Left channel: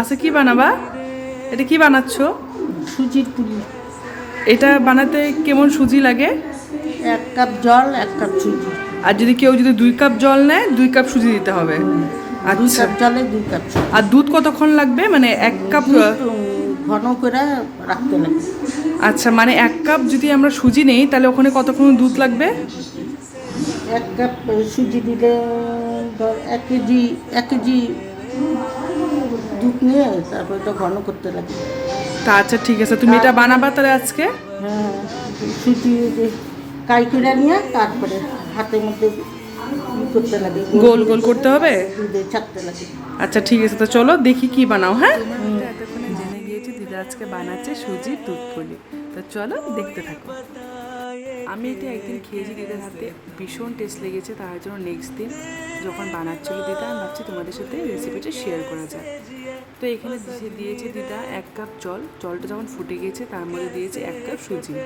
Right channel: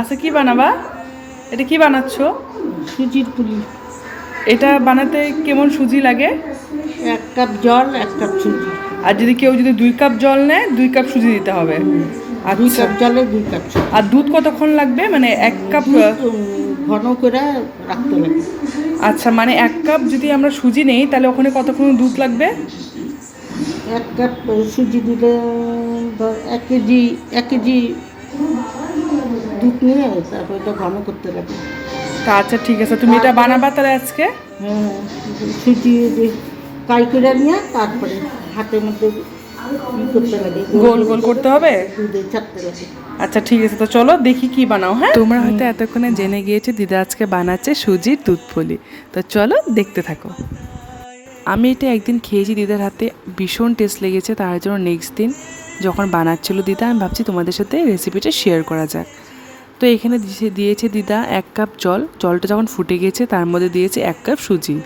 আচ্ছা, কি বানাবা? এটা কি বানাচ্ছো? সুজির পুলি। এটা বানাতে কেমন সুজি লাগে? 1 কাপ জল, 1 কাপ সুজি। আর যদি কেউ 2 কাপ জল নেয়, 2 কাপ সুজি দিতে হবে। 2 আচ্ছা। কাপ জলে 2 কাপ সুজি। আর দুধ কতক্ষণ লাগবে, মানে 1 কাপ? দুধ ঘন করে রাখতে লাগে। আচ্ছা, মানে 1 কাপ যদি আমরা সুজি নেই তাহলে ওখানে কতক্ষণ দুধ লাগবে? 1 কাপ সুজি দিলে ধর 1 কেজি 1 কেজি দুধ নিয়ে তারপর এটা ঘন করতে লাগে। তা আচ্ছা, ঠিক আছে, তুমি এটা বানাবা তাহলে আজকে? হ্যাঁ, সুজি যে কাই করে নিয়ে তারপরে হাতের মধ্যে করতে লাগে, গোল গোল করতে হবে। দুধে চাপতে লাগে। আচ্ছা, ঠিক আছে, তো চলো দেখি কি বানাও। হ্যাঁ, তোমরা হয়তো এতক্ষণে জেনে গিয়েছো দিদা আজকে বানাচ্ছে সুজির দুধ পুলি। তো চলো দেখতে থাকো। আমি এটা একদিন খেয়েছি দিদার হাতে, ভীষণ টেস্ট লেগেছে। তার জন্য নেক্সট দিন যখন বানাচ্ছিল দিদা, আমি ভাবছি তোমাদের সাথে রেসিপিটা শেয়ার করা যাক। তো এখানে দিয়েছে দিদা 1 কাপ জল। জলটা যখন ফুটে গিয়েছে তার মধ্যে দিয়েছে 1 কাপ সুজি।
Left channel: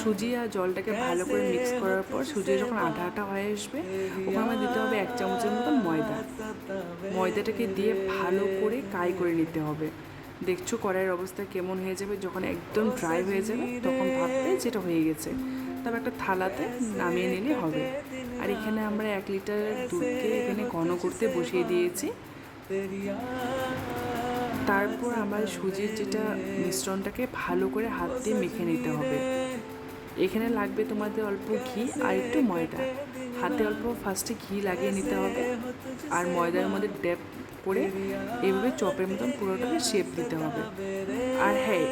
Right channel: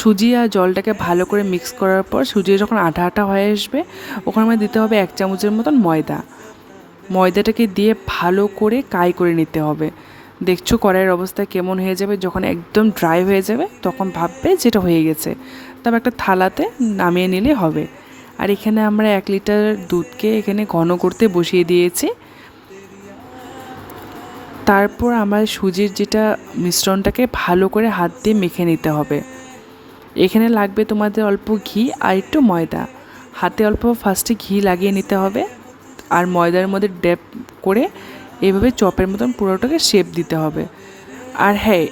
সুজি আর জলটাকে ভালো করে মিক্স করার পর সুজি যখন আঠা আঠা হয়ে আসবে, ওখানে আমাদের দিতে হবে 1 চামচের মতন ময়দা। ময়দাটাকে দিয়ে ভালো করে কাই করে নিতে হবে। দেখছো কড়াইয়ের অবস্থা কেমন হয়ে যাবে, যখন একদম ড্রাই হয়ে যাবে তখন ভাববে যেটা হয়ে গেছে। তবে একটা থালাতে নামিয়ে নিলে হবে। আর এখানে আমরা 1 লিটার দুধকে এখানে ঘন করতে বসিয়ে দিয়েছি। তারপর আমার সুজির যেটা মিশ্রণটাকে ভালো করে হাত দিয়ে মেখে নিতে হবে। এখানে লাগবে তোমাদের অল্প ঘি আর একটু ময়দা। হাতে অল্প ফার্স্টে ঘি লাগিয়ে নিতে হবে, আর ময়দার মধ্যে ড্যাপ করে এভাবে চপের মতন পুরোটাকে শেপ দিতে হবে। আর হ্যাঁ,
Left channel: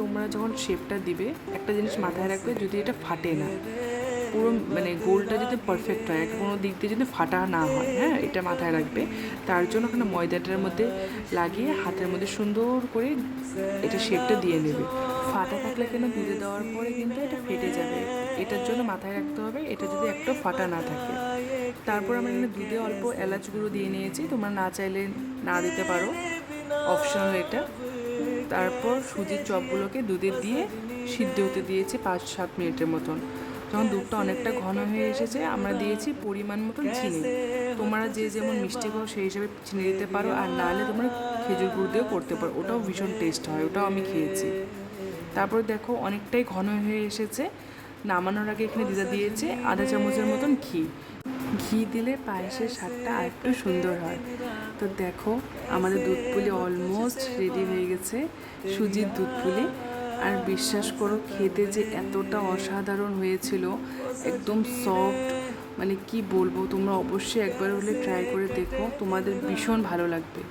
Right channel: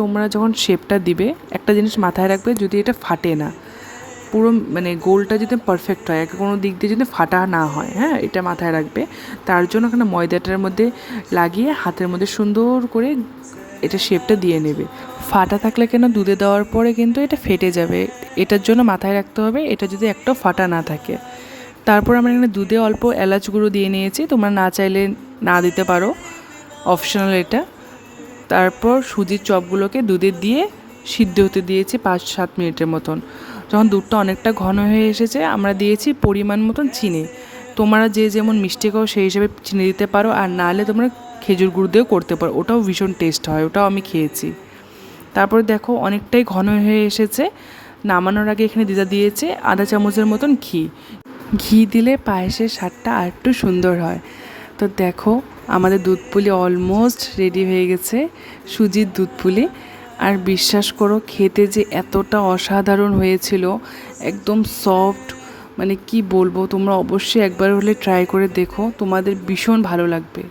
তোমরা যখন শেপটা দিবে একটা জিনিস মাথায় রাখবে, যদি এটা ফাটে না, পুরো মানে গোলটা যদি পারফেক্ট হয়, কোনো দিক দিয়ে যদি ফাটা না হয়, হ্যাঁ, এটা মাথায় রাখবে। তার জন্য এখানে ময়দাটার মধ্যে লাগিয়ে হাতের মধ্যে সুন্দর করে এটা শেপটা দিয়ে নেবে। ফাটা থাকলে কেন দুধে দেওয়ার পরে কিন্তু এটা ফেটে যাবে, এটার জন্য মাথায় রাখতে হবে এটা যদি একটাও ফাটা না থাকে। তারপর আমরা এখানে দুধে অল্প এলাচ গুঁড়ো দিয়ে নিয়েছি, তোমরা না চাইলে না দিতে পারো, অপশনাল এটা। তারপর সুজির চপগুলোকে দুধে দিয়ে সিদ্ধ হতে দিয়েছি 5-7 মিনিটের মতন। যখন দুধটা অনেকটা ঘন হয়ে এসেছে, আমরা দিয়েছি পরিমাণ মতন চিনি। তোমরা যে যেমন মিষ্টি খাও সেই হিসেবে চিনি দিতে পারো, আর নাহলে তোমরা খেজুর গুড় দিয়েও করতে পারো, ওটাও ভীষণ টেস্ট হয়, ওটাও আমি খেয়েছি। তারপর দেখো অনেকটাই ঘন হয়ে এসেছে। নামানোর আগে এখানে দিদা দিয়েছে আধা চামচের মতন ঘি। ঘি দিলে পায়েসের স্বাদটা আর একটু সুন্দর হয়। তো দেখো আমাদের দুধ পুলি অলমোস্ট রেডি হয়ে গেছে, সুজির দুধ পুলি। আর বিশ্বাস করো খেতে যে এতটা অসাধারণ হয়েছিল, একদম সফট, মানে কি বলবো, তোমরা অবশ্যই একবার হলে ট্রাই করে দেখো, তোমাদের ভীষণ ভালো লাগবে।